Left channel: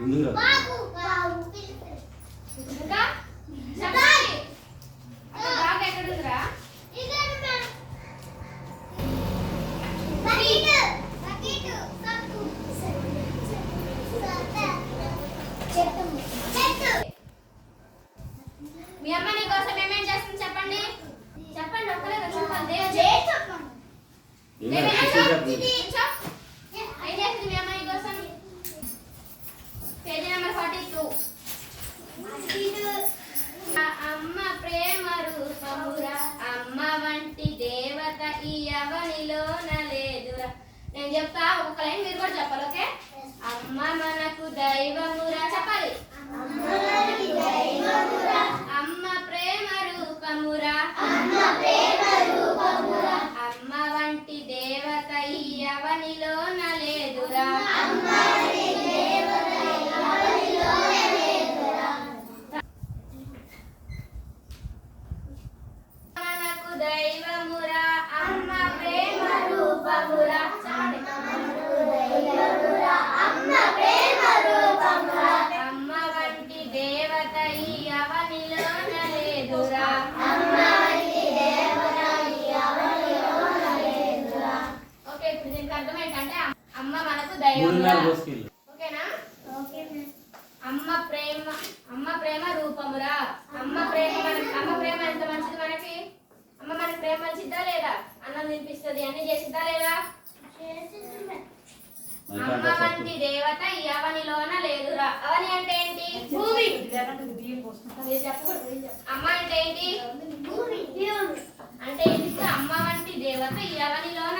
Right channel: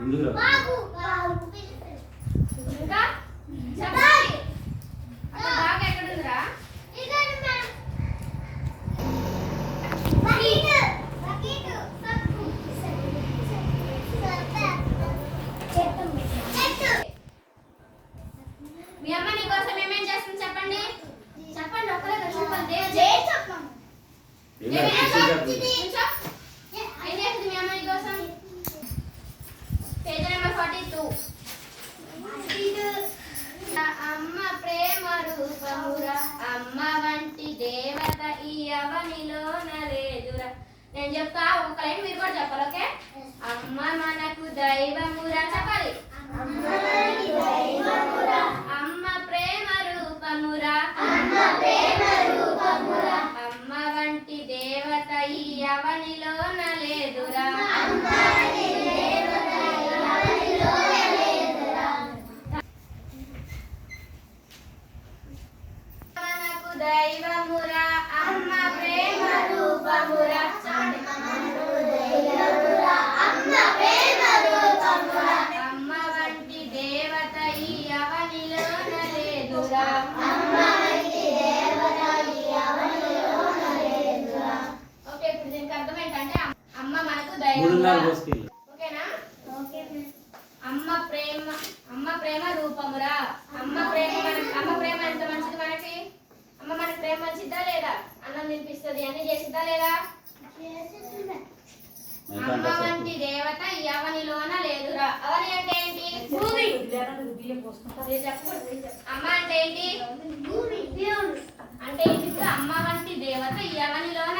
ఇంకా చెప్పాలి అక్కడ బాగా ఎక్కడుందిరా మీ అమ్మ నీ కోసం ఏమేం చేస్తుంది చెప్పండి చెప్పండి ఒక్కరే చెప్పండి ఏం చేస్తుంది మీ అమ్మ నీ కోసం పేజ్ నెంబర్ 42 అమ్మ ప్రేమ రూపమురా అమ్మ వంటి దేవత ఈ అవనిలోన లేదురా నేను చెప్తా ఒక లైన్ మీరు కూడా చెప్పాలి ఓకే అమ్మ మనకు దైవమురా చెప్పాలి అమ్మ ప్రేమ రూపమురా అమ్మ వంటి దేవత ఈ అవనిలోన లేదురా మనకు దైవమురా అమ్మ ప్రేమ రూపమురా అమ్మ వంటి దేవత ఈ అవనిలోన లేదురా ఓకే ఇప్పుడు దీనికి అర్థం ఏంటంటే అమ్మ మనకు దైవమురా ఓకేనా అమ్మ ప్రేమ రూపమురా అమ్మ ప్రేమ ఎంత మంచిది మనకి అమ్మ మనకి ప్రేమ మంచిద్దా లేదా అన్నం తినిపిస్తుంది అన్ని చేసిద్దా లేదా అమ్మ వంటి దేవత ఈ అవనిలోన లేదురా అవని అంటే ఏంటి భూమి అమ్మ అంటే ఏంటి అంటే ఏంటి అమ్మ వంటి దేవత ఈ అవనిలోన